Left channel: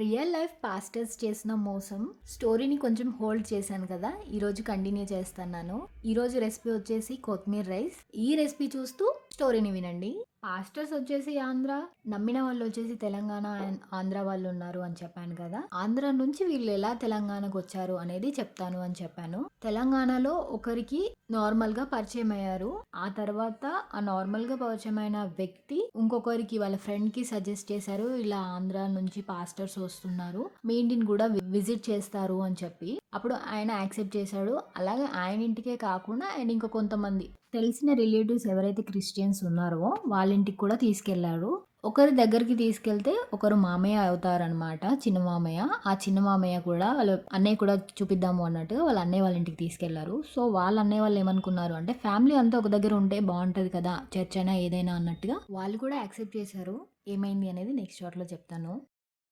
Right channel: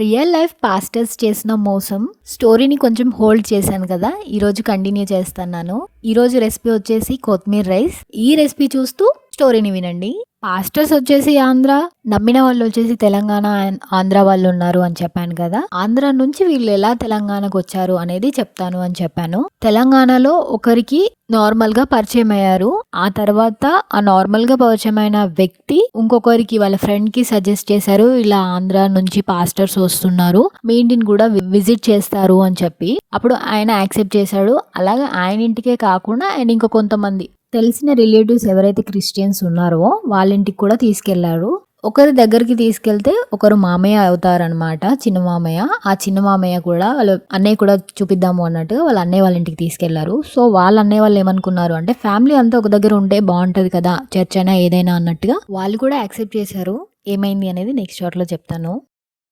Real life pastors చేసిన మోసం స్టోరీని కొంచెం హోల్డ్ చేశాను కదా, ఈరోజు కంటిన్యూ చేస్తున్నాను. ఈరోజు రెసిపీ వచ్చేసి కొత్తిమీర రైస్. ఈ రెసిపీ చూస్తూ స్టోరీని వినండి. పాస్టర్స్ వచ్చేసి ఆంధ్ర, నమ్మిన వాళ్ళు వచ్చేసి తెలంగాణ అండ్ ఆంధ్ర వాళ్ళు ఉన్నారు అని చెప్పాను కదా. ఆంధ్ర నుంచి వీళ్ళు ఎలా తెలంగాణకు వచ్చారు అనేది చెప్తాను అని చెప్పాను. తెలంగాణలో ఒకరికి నార్మల్ గా పరిచయం అయ్యారు. ఆ తర్వాత ఆ నార్మల్ గా పరిచయమైన వ్యక్తి ఇంకొకరికి వాళ్ళ ఫ్రెండ్ కి సజెస్ట్ చేశారు, ఇలా ఆంధ్ర నుంచి పాస్టర్స్ వస్తున్నారు, మీ ఇంటిని కూడా విజిట్ చేస్తారు అని చెప్పి. అప్పుడు ఆయన యాక్సెప్ట్ చేశాడు. అలాగే ఆయన ఇంటికే కాకుండా ఆయన ఇంకా కొంతమంది తెలిసిన రిలేటివ్స్ ఎవరైతే క్రిస్టియన్స్ ఉన్నారో వాళ్ళ ఇంటికి కూడా తీసుకెళ్లారు. ఒకరి దగ్గరికి తీసుకెళ్తే ఒకరు మామయ్య అవుతారనమాట, చిన్న మామయ్య. ఆ చిన్న మామయ్య కూడా వాళ్ళ అన్నయ్య కూడా చూపిద్దాము అన్నట్టు వాళ్ళ అన్నయ్య వాళ్ళ ఇంటికి తీసుకెళ్లారు. సో వాళ్ళ అన్నయ్య వాళ్ళు ఏమనుకున్నారు అంటే ఫ్యామిలీ అంతా ఒక దగ్గర ఉంటే బాగుంటది కదా, చర్చ్ అయినా ఏదైనా అన్నట్టుగా వాళ్ళు కూడా యాక్సెప్ట్ చేశారు. ఏమైంది అనేది నెక్స్ట్ షార్ట్లో చెప్తాను.